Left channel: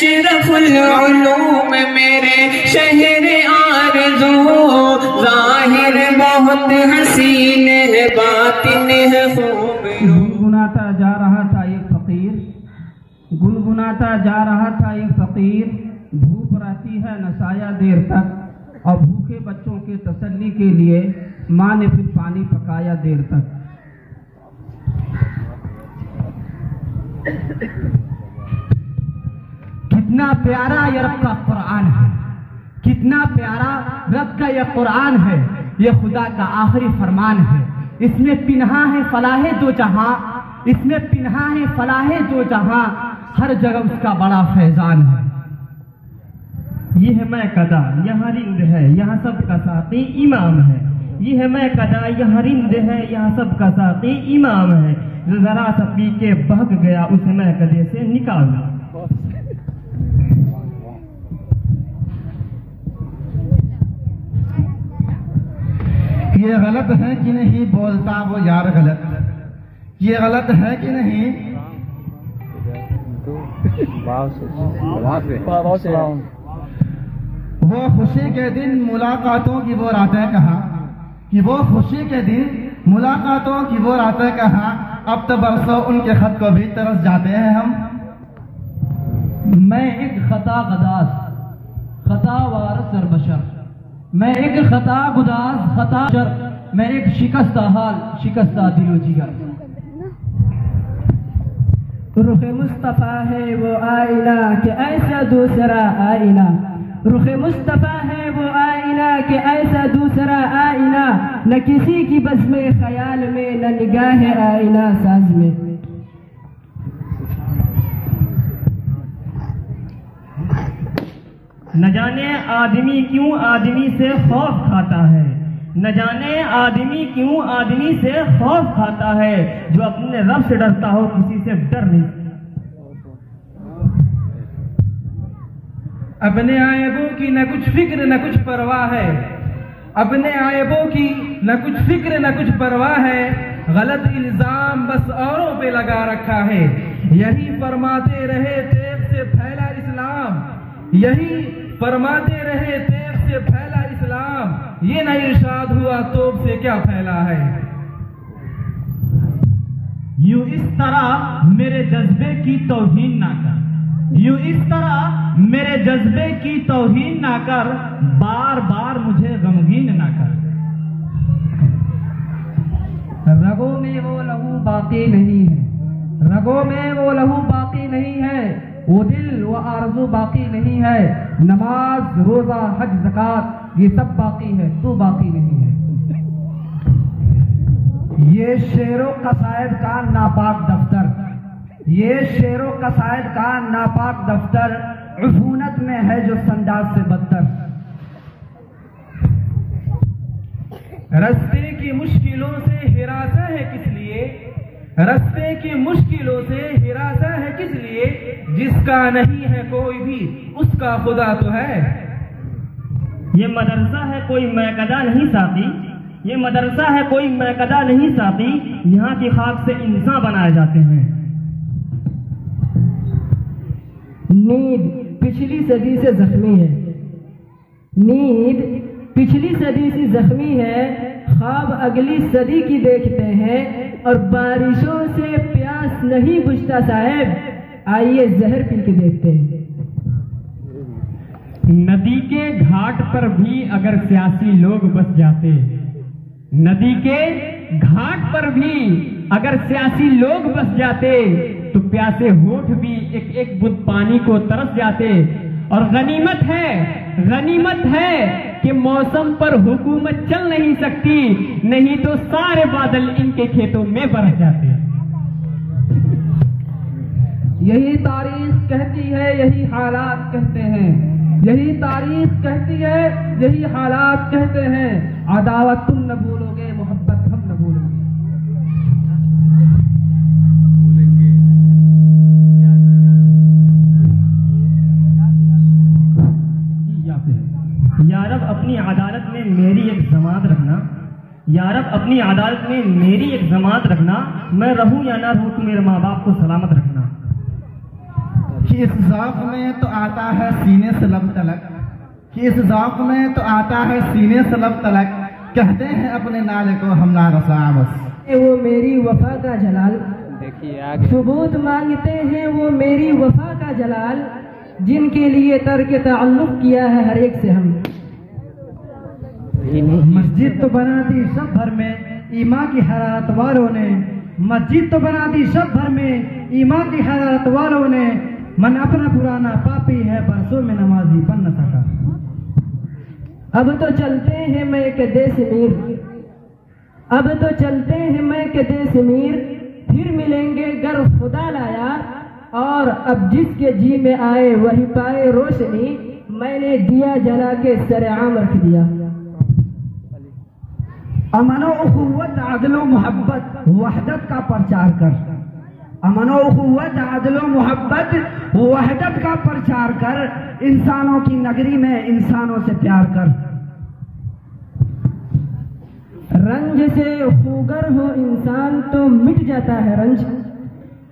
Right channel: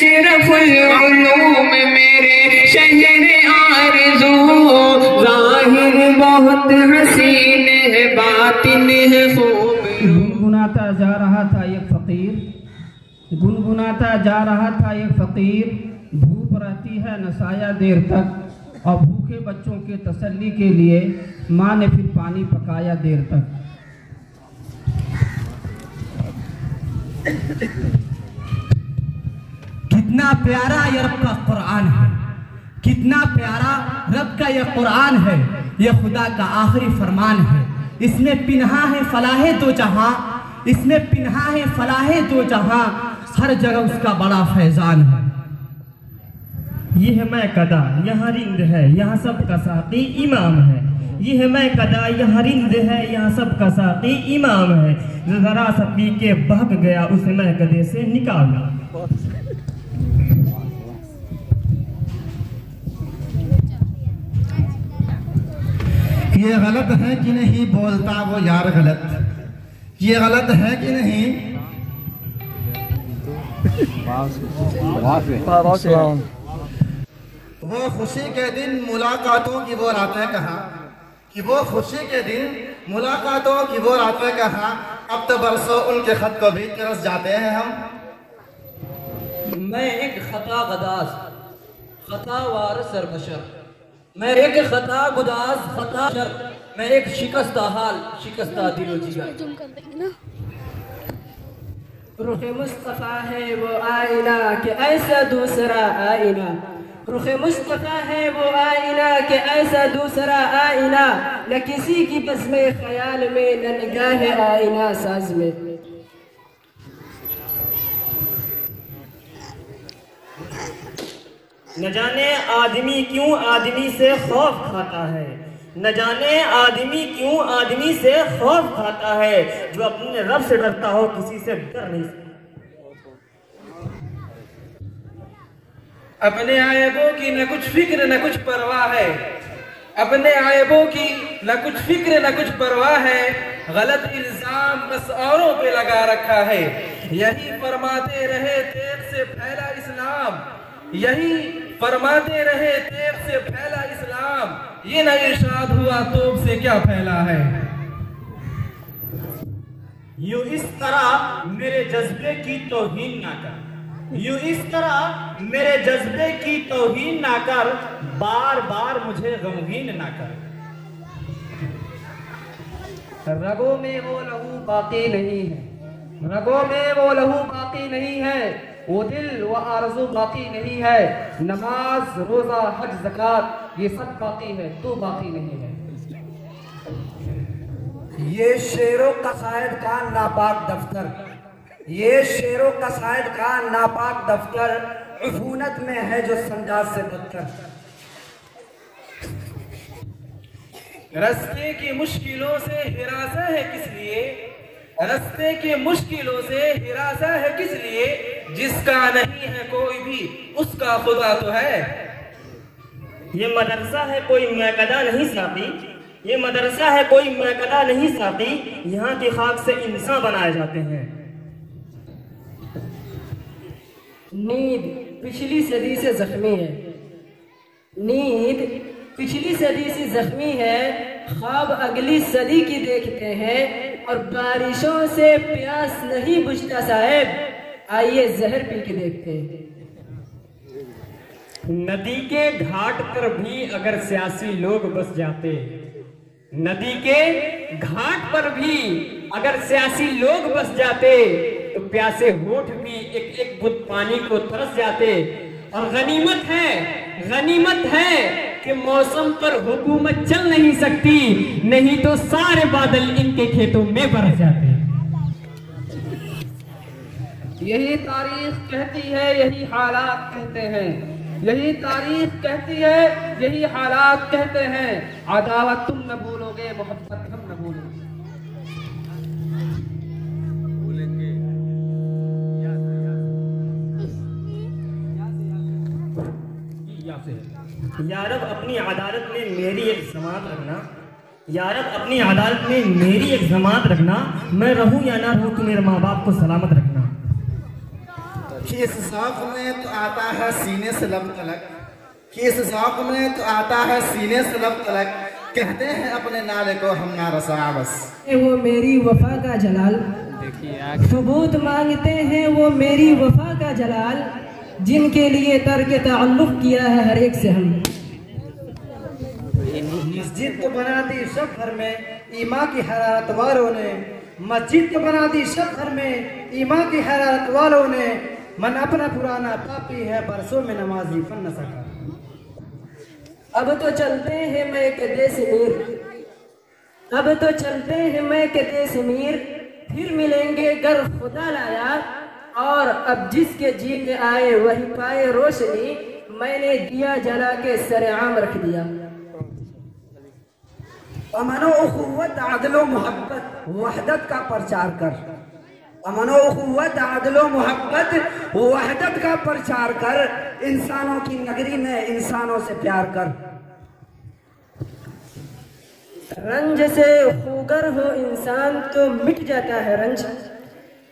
अशरफुल उलूम मेरे शहर आरज़ू, ज़ाहिर बहुत हसीन है बातिन है खूब। गुनगुनाता जा रहा था एक फकीर, गुनगुनाता जा रहा था एक फकीर, धूप रहती है न साया देर तक, और भूखे बच्चों के तसल्ली के लिए माँ ने फिर पानी पकाया देर तक। कितना प्यारा ये रब का कुरान है, कितना प्यारा रब का यह कुरान है, ये खुदा का आखिरी फरमान है। इसमें पिन्हा है फलाहे दो जहां, इसमें पिन्हा है फलाहे दो जहां, हर जगह उसका बड़ा फैजान है। ये है मैं कदा यहाँ रिंद है, यहाँ सब का साथी इमाम है। ये है मैं कदा यहाँ रिंद है, यहाँ सब का साथी इमाम है। जरा सा पी के बहक गया उसे मैं कदे से निकाला। ये गलत है कि नहीं बोलता वो यार गलत, ये गलत है कि नहीं। वो खुशी के दिन मुलाकातों की वो रातें कहाँ, कि वो खुशी के दिन मुलाकातों की वो रातें कहाँ, अब तो बरसों उनके खत को भी तरस जाते हैं हम। मैं एक खता गदास खता वार सरबशर, मैं एक खता गुदास खता शर, मैं एक शिकस्ता हाल शिकस्ता दिलो जिगर। रुख मुस्तफ़ा है वो आईना कि ऐसा दूसरा आईना, रुख मुस्तफ़ा है वो आईना कि ऐसा दूसरा आईना, न किसी की बस में ख्याल में न निगाह आईना साज में। न जाने आदमी क्यों आदमी से खौफ खाता है, न जाने आदमी क्यों आदमी से खौफ खाता है, जो अपने रब से डरता हो किसी से डर नहीं सकता। अपने आयबों की न कुछ फिक्र न कुछ परवाह है, अपने आयबों की न कुछ फिक्र न कुछ परवाह है, गलत इल्जाम बस औरों पे लगा रखा है। यही फरमाते रहे तेज से फैला इस्लाम, यही फरमाते रहे तेज से फैला इस्लाम, ये न इरशाद हुआ तोप से क्या फैला है। यूं इस तरह मेरे जज्बे की तौहीन ना कर, यूं इस तरह मेरे जज्बे की तौहीन ना कर, बार बार मुझे गमगीन ना कर। रगों में वो लहू बाकी नहीं है, रगों में वो लहू बाकी नहीं है, वो दिल वो आरज़ू बाकी नहीं है। नमाज रोजा हज ज़कात ये सब बाकी है, तू बाकी नहीं है। ये शेरो कसायद का नापाक दफ्तर, ये शेरो कसायद का नापाक दफ्तर, उफूनत में है जो संदाज से बदतर। रस्ते की मुश्किलों से हिरासा है किस लिए, रस्ते की मुश्किलों से हिरासा है किस लिए, जिसका नहीं है कोई भी उसका खुदा तो है। ये मदरसा है कोई मैकदा नहीं साथी, ये मदरसा है कोई मैकदा नहीं साथी, यहाँ की खाक से इंसान बनाए जाते हैं। नींद पिछली सदी से जख्मी है, नींद पिछली सदी से जख्मी है, ख्वाब अगली सदी की देखते हैं, और बारिशों से प्यास नहीं बुझता साहब, आइए जहर पी के देखते हैं। नदी के घाट पर भी अगर सियासी लोग बस जाते, नदी के घाट पर भी अगर सियासी लोग बस जाते, तो प्यासे होठ भी एक एक बूंद पानी को तरस जाते। और गनीमत है कि मौसम पर हुकूमत चल नहीं सकती, नहीं तो सारे बादल इनके खेतों में बरस जाते। यही तारीख कहती है, यही हालात कहते हैं, यही तारीख कहती है, यही हालात कहते हैं। अदावत तुम न भूलोगे, मोहब्बत हम न भूलोगे। या रब अपनी अदालत में मेरी एक जमात रखना, या रब अपनी अदालत में मेरी एक जमात रखना, मैं रहूं या ना रहूं, तू मेरे माँ बाप को सलामत रखना। कि इस ज़ौक़ में तो आता है सीने से लब तलक, कि इस ज़ौक़ में तो आता है सीने से लब तलक, कहते हैं अपने नाले को हम ना रसा बस। वो मेरी वफा का जलाल, सबूत मांगते हैं वो मेरी वफा का जलाल, जिनके लिए तर्क ताल्लुक़ किया है हर एक से हम। मस्जिद तो बना दी सब भर में ईमा की हरारत वालों ने, मस्जिद तो बना दी सब भर में ईमा की हरारत वालों ने, मन अपना पुराना पापी है बरसों में नमाजी पढ़ न सका। अब तो चलते हैं मैं के देश मीर, अब तो चलते हैं मैं के देश मीर, फिर मिलेंगे गर खुदा लाया, और अब जिसके जी में आए वही पाए रोशनी, मैंने दिया जला के सरेआम रख दिया। अमनो उखुव्वत आदलो मोहब्बत वहदत का प्रचार कर, अमनो उखुव्वत आदलो मोहब्बत वहदत का प्रचार कर, इंसानों की नगरी में इंसानों से प्यार कर। रंज से खूगर हो इंसान तो मिट जाता है रंज,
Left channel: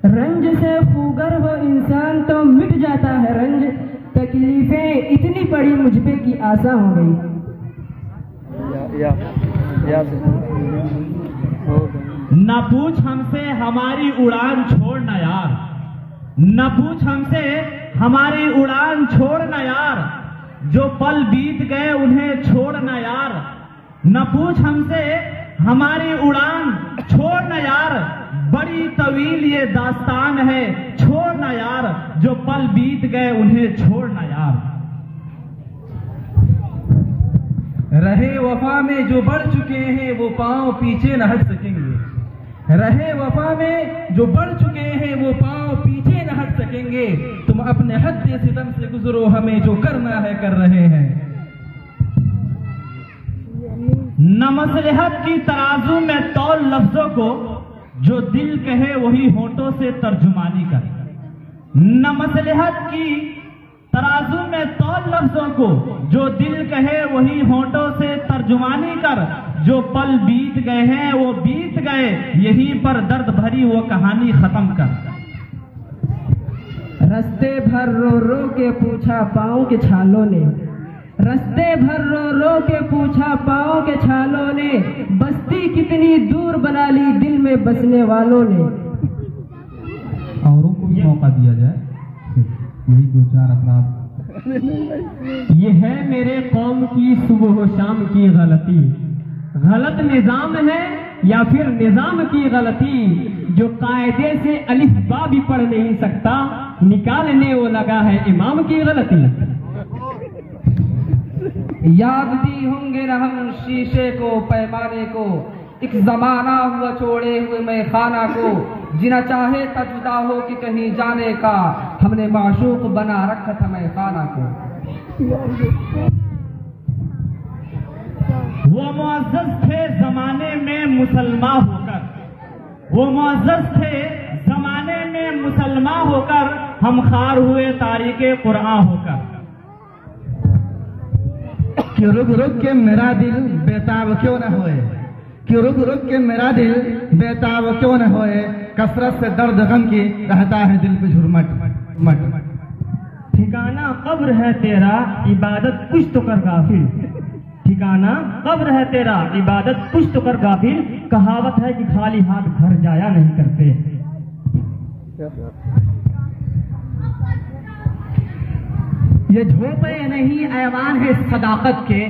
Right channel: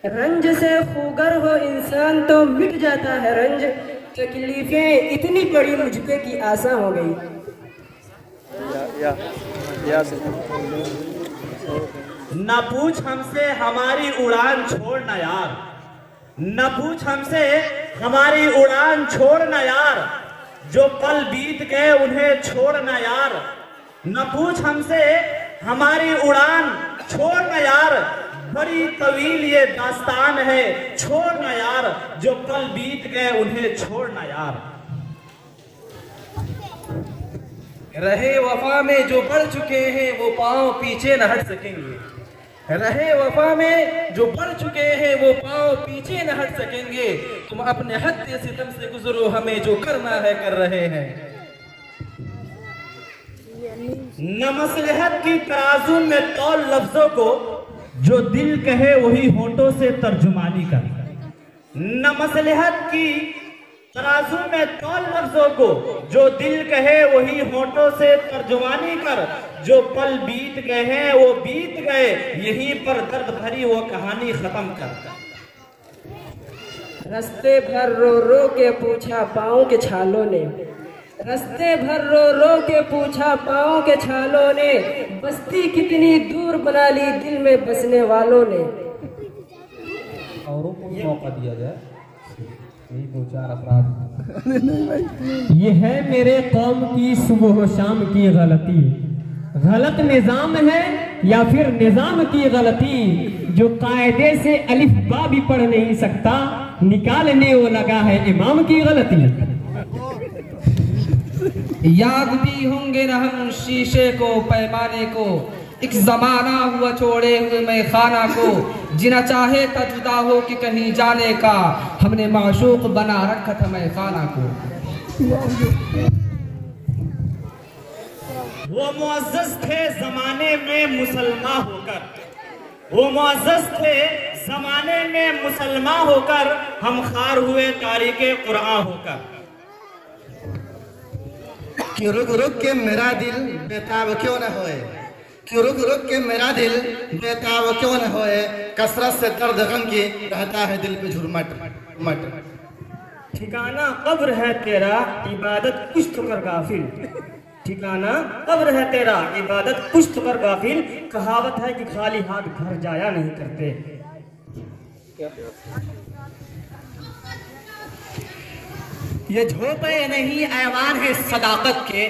रंज से खूगर हो इंसान तो मिट जाता है रंज, तकलीफें इतनी बड़ी मुझ पे की आसा हो गई। न पूछ हमसे हमारी उड़ान छोड़ना यार, न पूछ हमसे हमारी उड़ान छोड़ना यार, जो पल बीत गए उन्हें छोड़ना यार। न पूछ हमसे हमारी उड़ान छोड़ना यार, बड़ी तवील ये दास्तान है छोड़ना यार, जो पल बीत गए उन्हें छोड़ना यार। रहे वफा में जो बढ़ चुके हैं वो पांव पीछे न हट सकेंगे, रहे वफा में जो बढ़ चुके हैं वो पांव पीछे न हट सकेंगे, तुम अपने हद सितम से गुजरो, हमें जो करना है कर रहे हैं। न मसलहत की तराजू में तौल लफ्जों को, जो दिल कहे वही होठों से तर्जुमानी कर। न मसलहत की तराजू में तौल लफ्जों को, जो दिल कहे वही होठों से तर्जुमानी कर। जो पल बीत गए हैं वो बीत गए, यहीं पर दर्द भरी वो कहानी खत्म कर। रस्ते भर रो रो के पूछा पाँव के छालों ने, रस्ते भर रो रो के पूछा पाँव के छालों ने, बस्ती कितनी दूर बना ली दिल में बसने वालों ने। औरों को भी मौका दिया जाए, यही दो चार अफराद। ये है मेरे कौम की सुबह शाम की गलती, गलत निजाम है या फिर निजाम की गलती, जो कायदे से अलिफ बा भी पढ़ नहीं सकता, निकालने वो लगा है इमाम की गलती। याद भी होंगे न हम शीशे को पैमाने को, एक जमाना हुआ छोड़े हुए मैं खाना को, जिना चाहे था जुदा हो कि कहीं जाने का, हमने माशूक बना रखा था मैं खाना को। वो मुअज़्ज़ज़ थे जमाने में मुसलमान होकर, वो मुअज़्ज़ज़ थे जमाने में मुसलमान होकर, हम खार हुए तारीके कुरान होकर। कि रुक रुक के मेरा दिल बेताब क्यों न होए, कि रुक रुक के मेरा दिल बेताब क्यों न होए, कसरत से दर्द गम की रहता है दिल पे झुरमट मट। ठिकाना कब्र है तेरा इबादत कुछ तो कर गाफिल, ठिकाना कब्र है तेरा इबादत कुछ तो कर गाफिल, कहावत है कि खाली हाथ घर जाया नहीं करते। ये झोपड़े नहीं ऐवान है सदाकत के,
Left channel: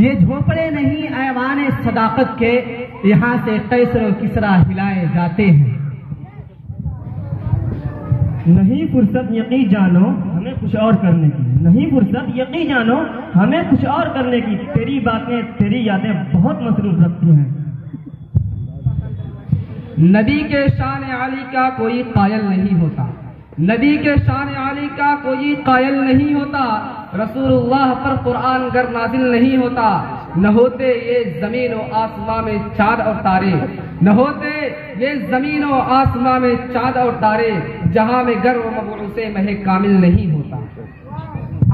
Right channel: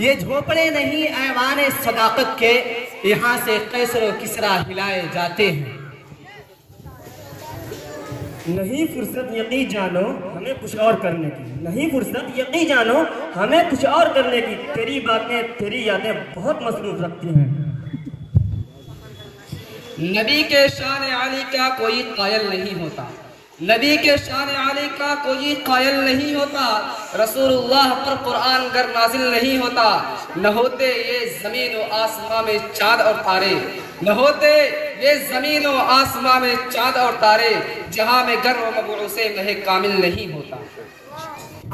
ये झोपड़े नहीं ऐवान है सदाकत के, यहाँ से कैसर और किसरा हिलाए जाते हैं। नहीं फुर्सत यकी जानो हमें कुछ और करने की, नहीं फुर्सत यकी जानो हमें कुछ और करने की, तेरी बातें तेरी यादें बहुत मसरूफ रखती हैं। नबी के शान आली का कोई कायल नहीं होता, नबी के शान आली का कोई कायल नहीं होता, रसूलुल्लाह पर कुरान गर नाजिल नहीं होता, न होते ये जमीन और आसमां में चाँद और तारे, न होते ये जमीन और आसमां में चाँद और तारे, जहां में गर व मबूसे महे कामिल नहीं होता।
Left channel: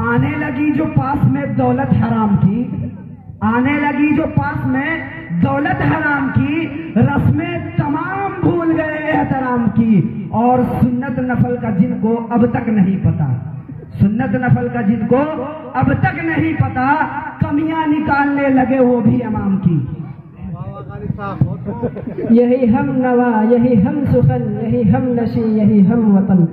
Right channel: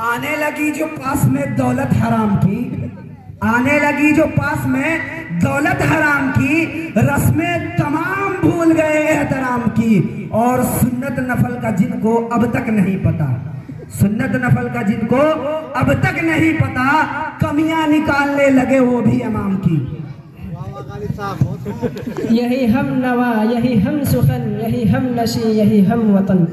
आने लगी जो पास में दौलत हराम की, आने लगी जो पास में दौलत हराम की, रस्में तमाम भूल गए एहतराम की, और सुन्नत नफल का जिनको अब तक नहीं पता, सुन्नत नफल का जिनको अब तक नहीं पता, कमियां निकालने लगे वो भी इमाम की। यही हम नवा, यही हम सुखन, यही हम नशी, यही हम वतन,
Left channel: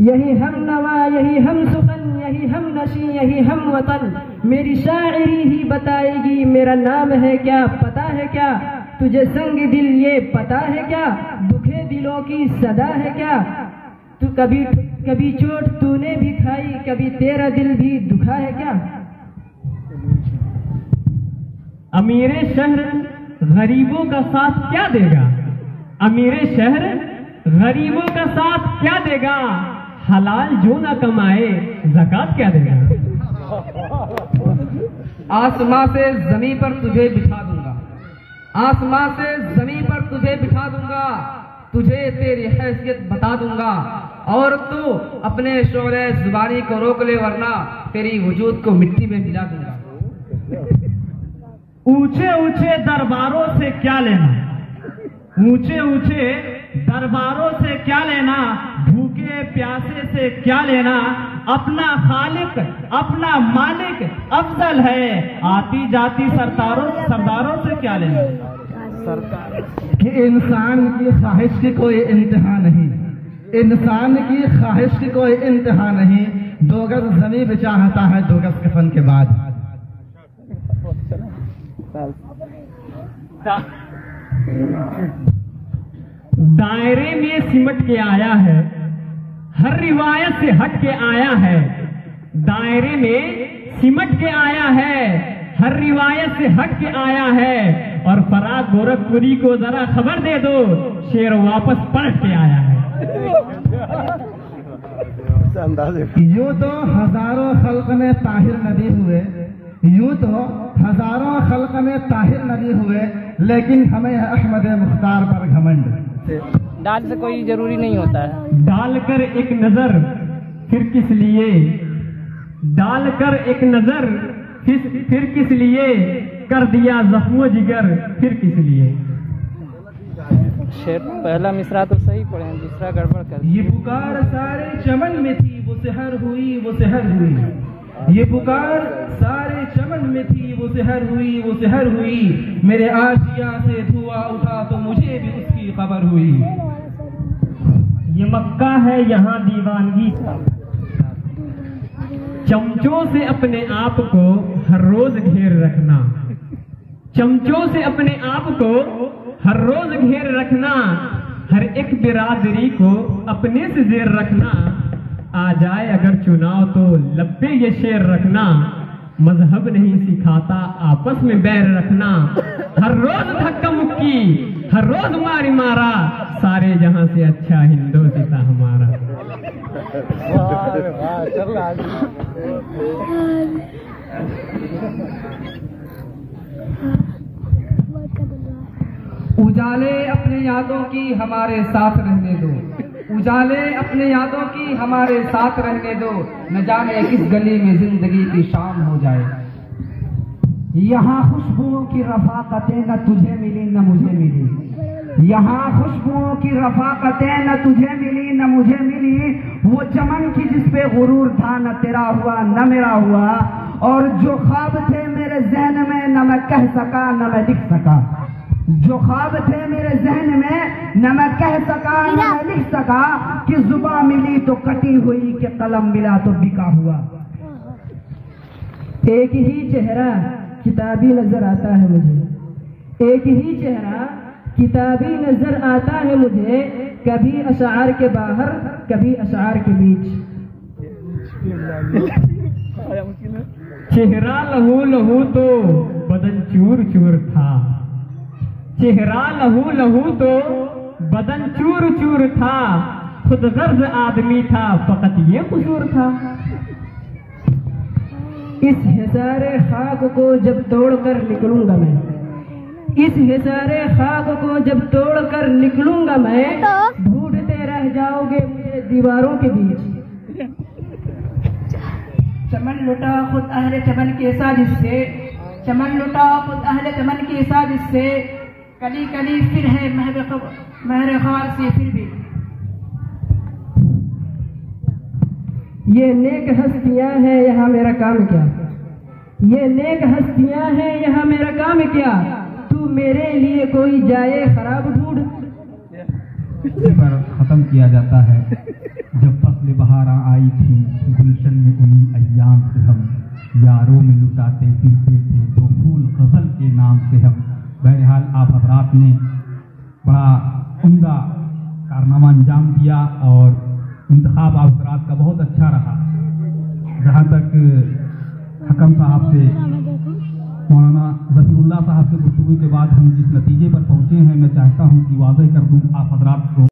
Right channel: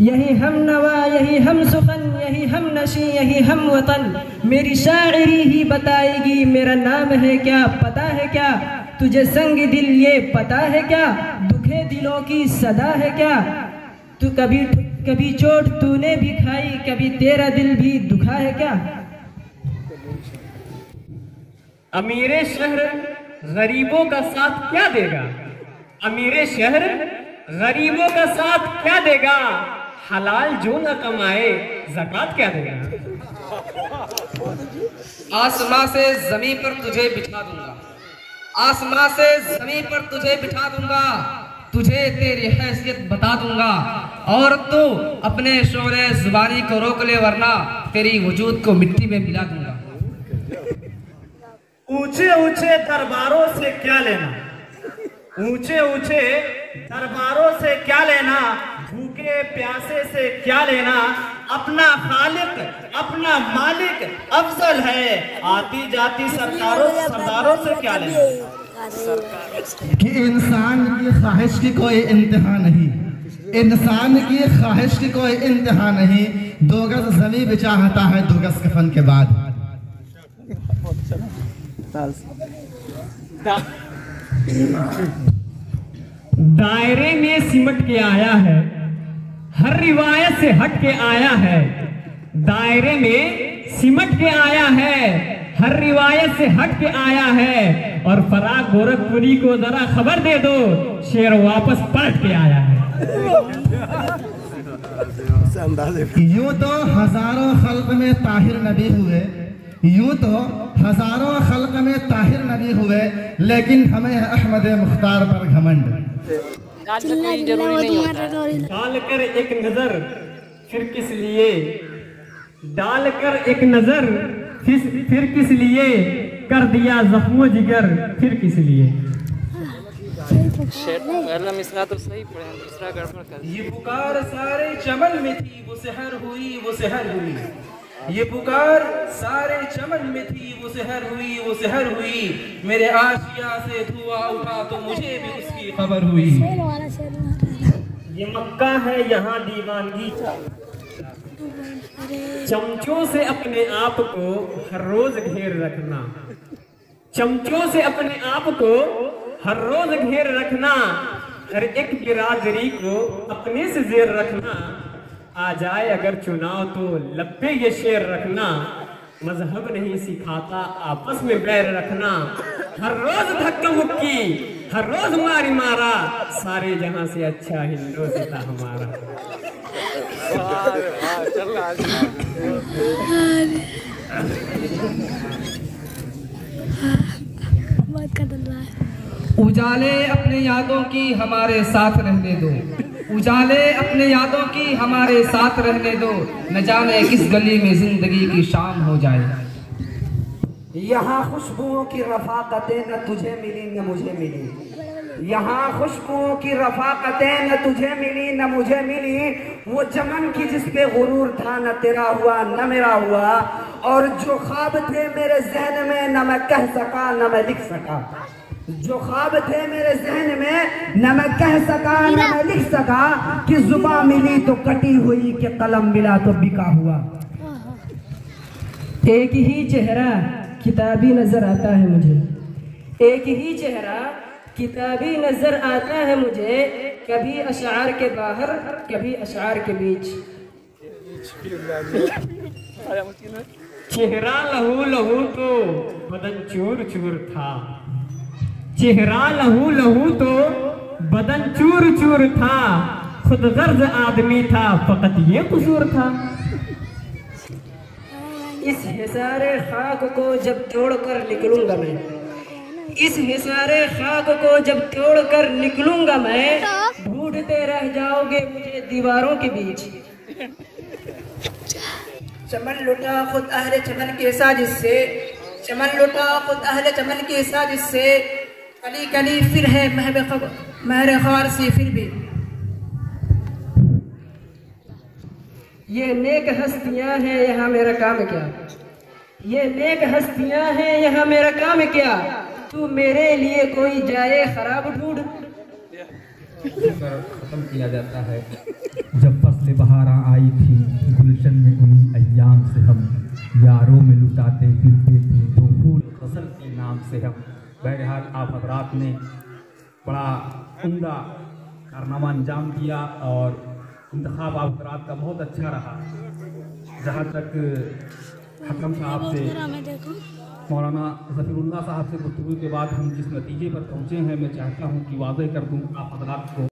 यही हम नवा, यही हम सुखन, यही हम नशी, यही हम वतन। मेरी शायरी ही बताएगी मेरा नाम है क्या, पता है क्या तुझे संग दिल ये पता है क्या, दुखे दिलों की सदा है क्या, तू कभी चोट तूने भी खाई, कभी तेरा दिल भी दुखा है क्या। अमीरे शहर गरीबों का साथ क्या देगा, अमीरे शहर गरीबों का साथ क्या देगा, हलाल जो न कमाए ज़कात क्या देगा। आसमां से जमीन पर तुझे बिठा दूंगा, आसमां से जमीन पर तुझे बिठा दूंगा, तुझे तेरी हैसियत बता दूंगा, और तू अपने शोरे जुबानी को रोक ले वरना तेरी वजूद को मिट्टी में मिला दूंगा। ऊंचे ऊंचे दरबारों से क्या लेना, ऊंचे ऊंचे दरबारों से क्या लेना, भूखे प्यासे से क्या लेना, अपना खालिक अपना मालिक अफजल है, आती जाती सरदारों से क्या लेना। कि इंसान की ख्वाहिश की कोई इंतहा नहीं, इंसान की ख्वाहिश की कोई इंतहा नहीं, 2 गज ज़मीं भी चाहता है 2 गज कफन के बाद। दायरे में सिमट के आया है, हर रिवायत से हट के आया है, दायरे में सिमट के आया है, हर रिवायत से हट के आया है, और फराग गोरखपुरी को जरा खबर दे दो, शेर वापस पलट के आया है। यूं तो हजारों खल्क में ताहिर नबी हुए, यूं तो हजारों खल्क में ताहिर नबी हुए, लेकिन हमें है अहमद मुख्तार पर घमंड। दाल से कोई जरूरी नहीं होता है। डालकर एक नजर फिर किस लिए, डालकर एक नजर फिर किस लिए, कर दिया जख्मो जिगर फिर किस लिए। पहला मिसरा तो सही पढ़े, दूसरा गड़बड़ कर। ये पुकार सारे चमन में थी वो सहर हुई, वो सहर हुई, ये पुकार सारे चमन में थी वो सहर हुई, वो सहर हुई, मेरे आशिया से धुआं उठा तो मुझे भी उसकी खबर हुई। ये मक्का है यहाँ दीवानगी का, चमचों से अपने आप को हर रोज घेर रखना, चमचों से अपने आप को हर रोज घेर रखना, हर एक बिरादरी को अपने से जेर रखना, आ जाए अगर चुनाव तो लब पे ये शेर रखना, मजहब नहीं सिखाता आपस में बैर रखना, हर रोज धक्का मुक्की हर रोज मारी मारा, सारे जहां से अच्छा हिंदू से था हमारा। उजाले अपने यादों की हमारे साथ रहने दो, उजाले अपने यादों की हमारे साथ रहने दो, न जाने किस गली में जिंदगी की शाम हो जाए। यहाँ खुशबुओं की रफाकतें न तुझे मिली न मुझे मिली, यहाँ खुशबुओं की रफाकतें न तुझे मिली न मुझे मिली, वो चमन की जिस पे गुरूर था न तेरा हुआ न मेरा हुआ, और जो ख्वाब थे मेरे जहन में न मैं कह सका न मैं लिख सका, जो ख्वाब थे मेरे जहन में न मैं कह सका न मैं लिख सका, कि जुबान मिली तो कटी हुई कि कलम मिला तो बिका हुआ। एक ही चेहरा किताबी नजर आता है मुझे, एक ही चेहरा किताबी नजर आता है मुझे, कभी अशार के बाहर कभी अशार के बीच। चेहरा लहू लहू तो बदन चूर चूर था, चेहरा लहू लहू तो बदन चूर चूर था, खुद गर्ज आदमी था फकत ये कसूर था। इस हिसारे खाक को जब तोड़कर निकलूंगा मैं, इस हिसारे खाक को जब तोड़कर निकलूंगा मैं, ढूंढते रह जाओगे मुझे दीवारों के बीच। चमन लुटा खुद अहले चमन के साजिश से, चमन लुटा खुद अहले चमन के साजिश से, कली कली फिर है महर खार से फिर भी, ये नेक हस्तियां हैं यहाँ मेरा काम क्या, ये नेक हस्तियां हैं यहाँ मेरा काम क्या, तू मेरे लिए कोई जाए खराब ढूंढ। पर ख़त्म किया जाता है। जब फसल बहारा आई थी गुलशन में उन्हीं अय्याम से हम यारों में लुटाते फिरते थे दो फूल गज़ल के नाम से हम। बहरहाल आप हज़रात ने बड़ा उम्दा कारनामा अंजाम दिया और इंतखाब आप हज़रात का बहुत अच्छा रहा। जहाँ तक हकम साहब से मौलाना ज़फ़रुल्लाह साहब से गुफ्तगू के बाद हम जिस नतीजे पर पहुँचे हैं, मैं चाहता हूँ कि वाज़ेह कर दूँ आप हज़रात को।